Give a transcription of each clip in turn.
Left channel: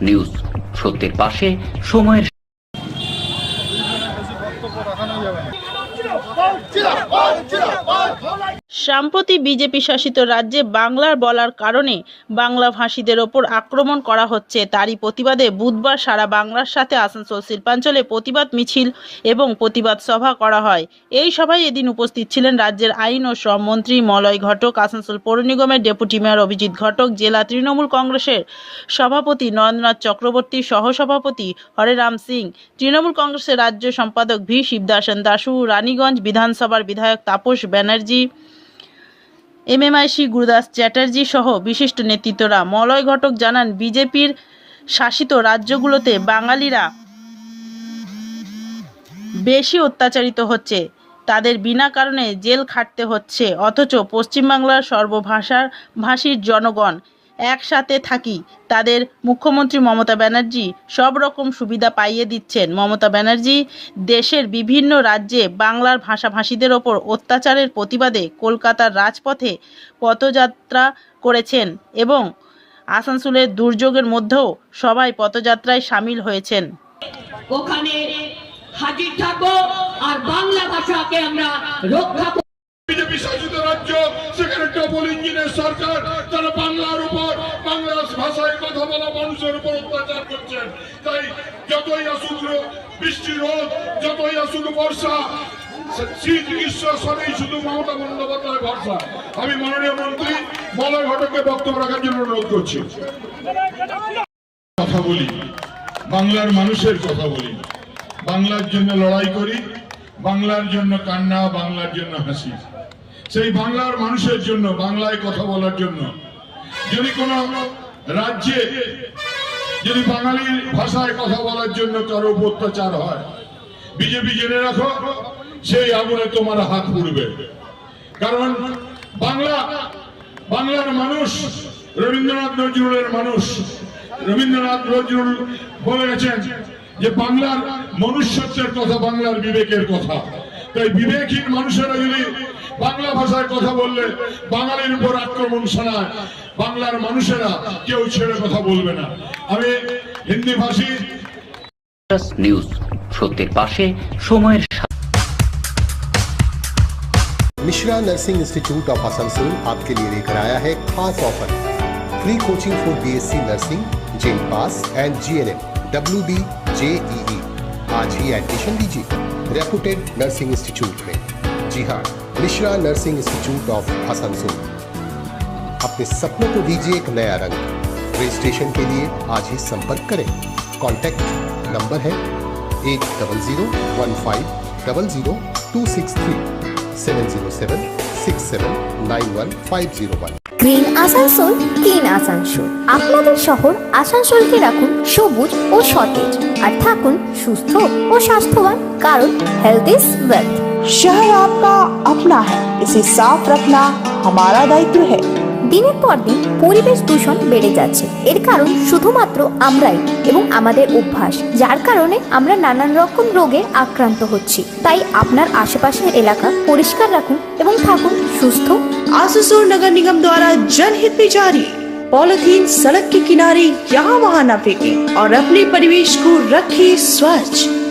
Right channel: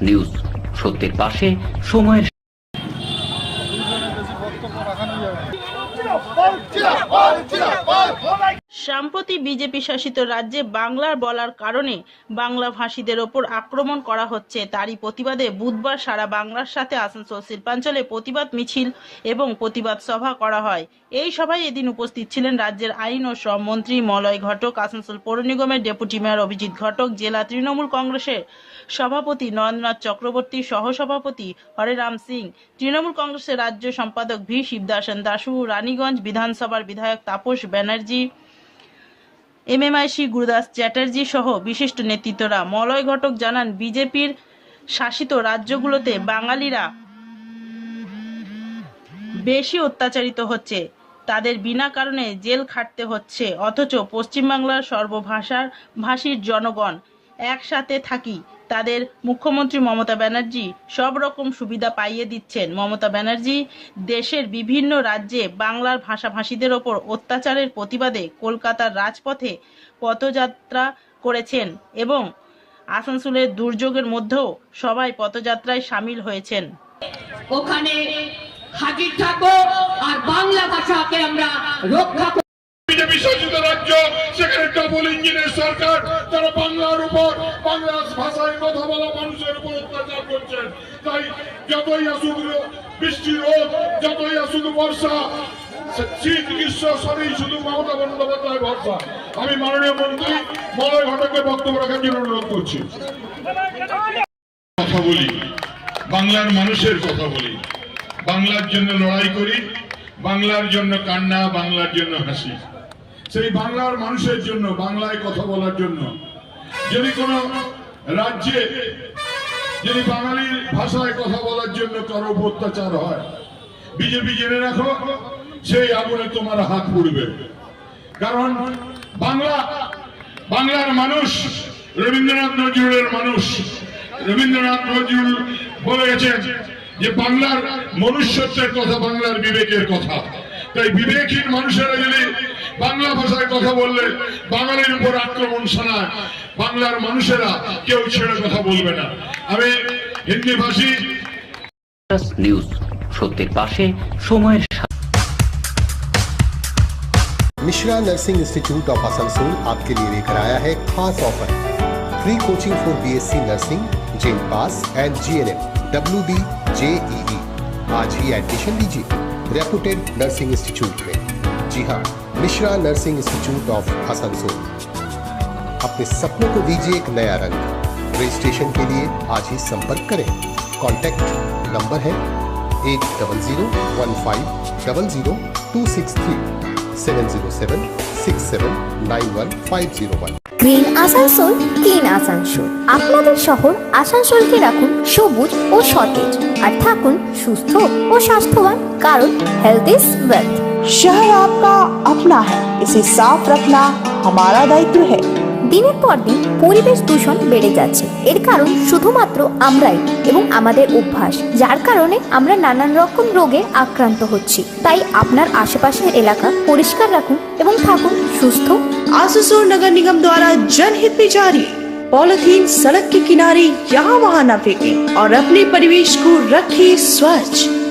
News সত্যের পাশে সময়ের সম্প্রতি বিজেপি শাসিত রাজ্যে বাংলার বলার কারণে বাংলা ভাষীদের ওপর আক্রমণ করা হচ্ছে। তারই প্রতিবাদে বুধবার সারা বাংলার সাথে আসানসোল শিল্পাঞ্চলে প্রতিবাদ মিছিল এবং প্রতিবাদ সভা করা হয়। এই সভায় এদিন উপস্থিত ছিলেন রাজ্যের আইন ও শ্রম মন্ত্রী মলয় ঘটক, আসানসোল পৌর নিগমের ডেপুটি মেয়র অভিজিৎ ঘটক, জেলা তৃণমূল কংগ্রেসের সভাপতি নরেন্দ্রনাথ চক্রবর্তী, সহসভাপতি হরেরাম সিং, তৃণমূল কংগ্রেসের রাজ্য সম্পাদক ভি শিবদাসন দাসু রানীগঞ্জ বিধানসভার বিধায়ক তাপস ব্যানার্জি এমএমআইসি গুরুদাস চ্যাটার্জি সহ বিশিষ্ট নেতৃত্বরা মলয় ঘটক জানান, বিজেপির শাসিত রাজ্যগুলোতে বাঙালিরা বেশি অত্যাচারিত হচ্ছে। তাদের বিনা কারণে জেল খাটতে হচ্ছে, অথচ পশ্চিমবাংলার সর্বভাষার ভাষীর জনগণ একসাথে থাকি। তাদের মুখ্যমন্ত্রী মমতা ব্যানার্জি সব রকম সুবিধা পাইয়ে দিচ্ছেন। মমতা ব্যানার্জি দেশের বিভিন্ন রাজ্যে বাংলার ভাষাভাষীদের ওপর অত্যাচারের প্রতিবাদে কলকাতার রাজপথে পথযাত্রা করেছেন এবং আসানসোলের দুর্যোগের মধ্যেও সবাই পথযাত্রায় সামিল হয়েছেন। ওখানে হাজির থাকব আর বাংলা ভাষাকে আমরা রক্ষা বিজেপি শাসিত রাজ্য সেখানে ডবল ইঞ্জিনের সরকার তারা উপর বাংলা ভাষায় কথা বলা মানুষের উপর অত্যাচার করছেন। তাই যতই আসুক বৃষ্টি রোদ যতই আসুক বর্ষা আমি মাননীয় মন্ত্রী বক্তব্য রাখার জন্য অনুরোধ করছি। কথা বলি, বাংলার মানুষের কথা বলি। বাংলার জন্য লড়াই করি, বাংলার জন্য কান্না, বাংলার জন্য হাসি। সেই বাংলার মানুষের জন্য, বাংলায় কথা বলার জন্য যদি কোন রাজ্যে যদি বাঙালির ভাষায় কথা বলার জন্য কারও অত্যাচার হয়, বিজেপি জেনে রাখো, সেই আগুনে তোমার হাত পুড়বে। কারণ বাংলা, বাংলার মানুষ রবীন্দ্রনাথ নজরুলের মানুষ। রবীন্দ্রনাথ নজরুল বলে গেছেন যে, বাংলার মনুষ্যত্বের কথা বাংলার বিবেকের কথা। তাই বিবেকহীন মানুষেরা যদি বাংলা ভাষায় কথা বললে বাঙালির উপর আক্রমণ শোনায় বাংলার মানুষেরা কেউ ছেড়ে কথা বলবে না আমি হিন্দি ভাষী নিউজ সত্যের পাশে সময়ের Mishra nursing institute of Asansol आपके लिए लेकर आया है खास offer free coaching for BSc nursing gen pass and GNM W B JEE आज ही एडमिशन लीजिए रेपुटेड नर्सिंग इंस्टीट्यूट में जी हाँ Mishra nursing institute of Asansol अपने सपनों को दीजिए एक नया रंग रजिस्ट्रेशन के लिए आज ही संपर्क करें कॉन्टैक्ट नंबर है eight double zero one five double zero two six three seven zero seven six seven nine one five zero one green Asansol clean Asansol আপনাদের শহর আসানসোলকে রাখুন সবুজ ও সতেজ আর থাকুন সুস্থ ও স্বাস্থ্যবান কারণ হেলথ ইজ ওয়েলথ शहर आपका अपना है इसे साफ रखना हमारा दायित्व है দিনের পর দিন পরিবেশ দূষণ বেড়ে যাচ্ছে এর কারণ শুধুমাত্র আমরাই এবং আমাদের অভ্যাস যার কারণে আমরা নানান রকম রোগে আক্রান্ত হচ্ছি তাই আপনার আশেপাশের এলাকা পরিষ্কার রাখুন এবং থাকুন সুস্থ आसुसोल नगर निगम द्वारा जनहित में जारी पॉलिथीन सड़क के किनारे यहाँ वहाँ न फेंके और अपने परिवेश को रखे स्वच्छ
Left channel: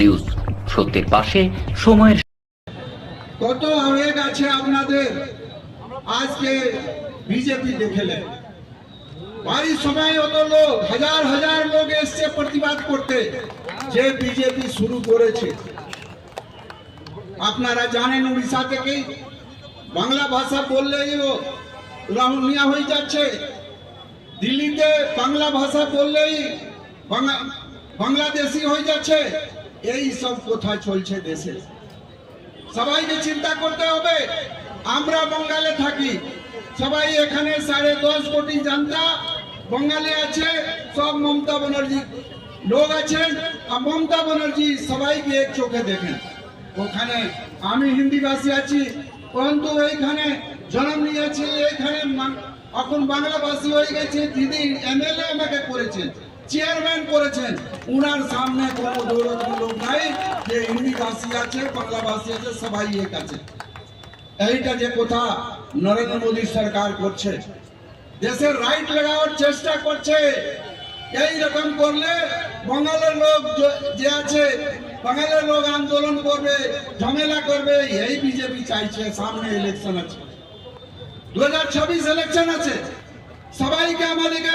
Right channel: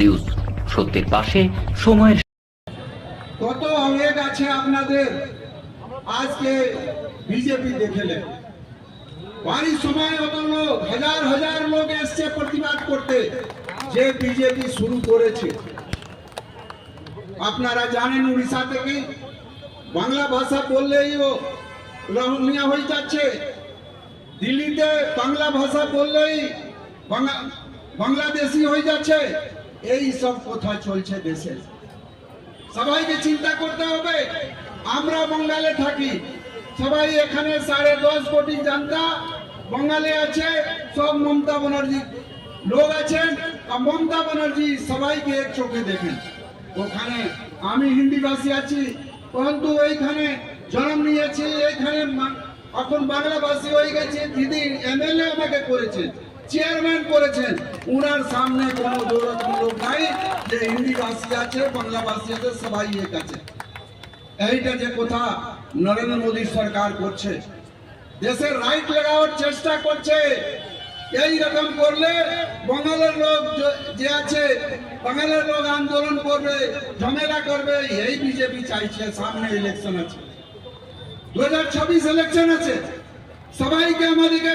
news সত্যের পাশে সময়ের কত আপনাদের? আজকে বিজেপি বাড়ির সময় অত লোক, হাজার হাজার লোক এসছে প্রতিবাদ করতে, যে বিজেপি শুরু করেছে। আপনারা জানেন উড়িষ্যা থেকে বাংলা ভাষা বললেই রাহুলিয়া হয়ে যাচ্ছে। দিল্লিতে বাংলা ভাষা বললেই বাংলাদেশি হয়ে যাচ্ছে। এই সব কোথায় চলছে দেশে? সবাইকে চিন্তা করতে হবে। আমরা বঙ্গালে থাকি। সবাই এখানে সাড়ে দশ কোটি জনতা বঙ্গালে আছে, সব মমতা ব্যানার্জি লোক আছেন। আর মমতা ব্যানার্জি সবাইকে এক চোখে দেখেন। ওখানে আমি হিন্দি ভাষী আছি, পরন্তু এইখানে জন্ম নিয়েছি, এইখানে এখন বাংলা ভাষী হয়ে গেছে দিদি এমএলএ আমাকে করেছেন। চেয়ারম্যান করেছেন। উনার সামনে কোনো দৌড়াত্মূলক নাই যে হিন্দি ভাষী আছে বাংলা ভাষী আছে, সবাই এক আছে এইটা যে কথা নরেন্দ্র মোদী সরকার করছে, দেশের রাইট লাগানোর চেষ্টা করছে। এই রকম করলে বাঙালের লোক যে আছে, বাঙালের লোক আন্দোলন করবে, ঝামেলা করবে, এই বিজেপি চাইছে, সামনে ইলেকশন আছে। দু হাজার ছাব্বিশ ইলেকশন আছে। সবাইকে আমাদেরকে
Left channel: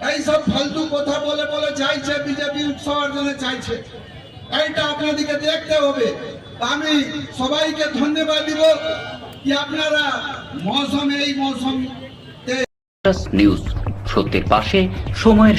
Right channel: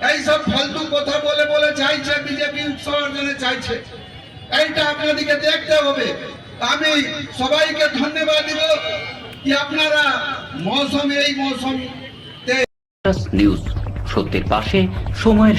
এই সব ফালতু কথা বলে বলে চাইছে, বিজেপি উৎসাহ অর্জনে চাইছে। এইটা আপনাদেরকে দেখতে হবে। আমি সবাইকে ধন্যবাদ দিব যে আপনারা মৌসুম এই মৌসুম নিউজ সত্যের পাশে সময়ের